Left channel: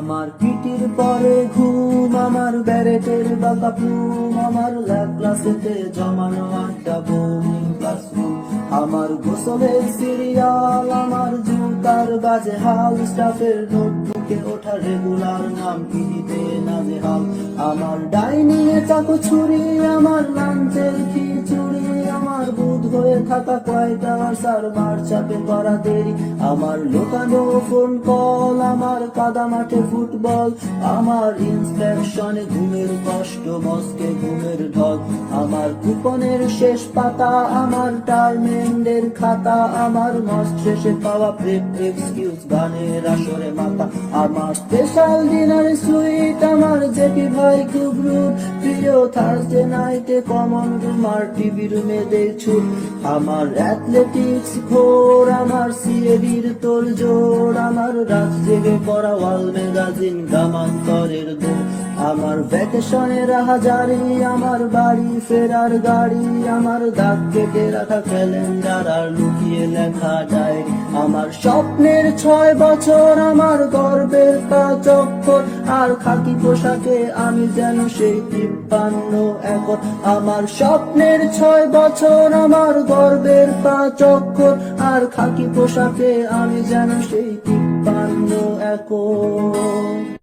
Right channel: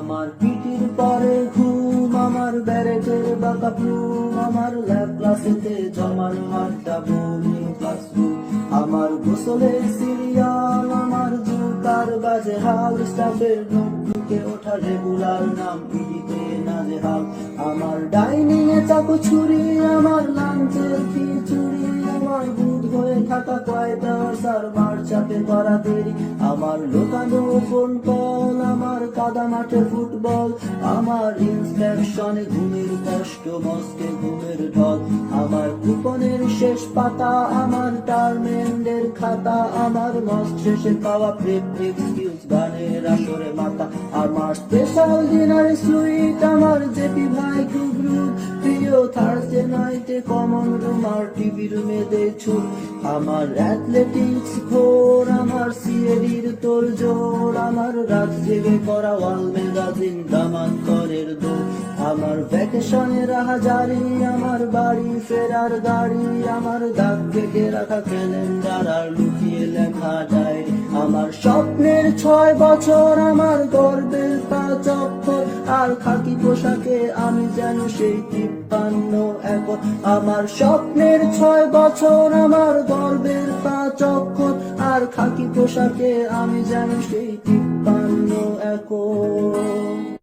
আমার পিটির পরে ঘুম, আমার ব্যারেটের বাঁকা প্লুম, আমার ল্যাব ক্লাসেতে জমানো আড্ডা বোরিং ক্লাসরুম, আমার গোসলের সিরিয়াল, আমার জুতার বাজে হাল, স্টাফের নোটবুকে ওঠা রেগুলার নাম পিটিতে নাজেহাল, আমার ডাইনিং এ চাকু ছুরি, আমার লাঞ্চের খিচুড়ি, আমার বুধ হয়ে থাকা কয়টা স্যার মার চাপে করা দেরি, আমার লোকানো ফোন কল, আমার কাদা মাঠে ফুটবল, আমার ইন্সপেকশনে ঘুমের কষ্ট, মস্কে ঘুমের ঢল, আমার কুপনের শেষ পাতা, আমার টার্মেন্ডের খাতা, আমার মাস শেষে পাওয়া প্রেপ এক্সকিউজ গানের আসরে মাথা, আমার স্পেশাল ডিনার সুইট, আমার জেপি ভাই খুব রুড, প্রিয় থার্সডে নাইটে কমন রুম আর টিভি রুমে দেখছুট, আমার অ্যাথলেটিক্স ঘোর, আমার সিএডির তোল জোর, আমার রাত জেগে পড়া ওয়াল ম্যাগাজিন গ্রামান্তরের দৌড়, আমার ভ্যাকেশনের হাজারি, আমার বাড়ি ফেরার গাড়ি, আমার দাগ কেটে রাখা ক্যালেন্ডার আর লুকিয়ে লেখা ডায়েরি, আমার স্বপ্নের 6 বছর, আমার গর্বের 5 অক্ষর, আর খাকি পোশাকে আমি যেন সেই 53 একর, আমার স্বপ্নের 6 বছর, আমার গর্বের 5 অক্ষর, আর খাকি পোশাকে আমি যেন সেই 53 একর।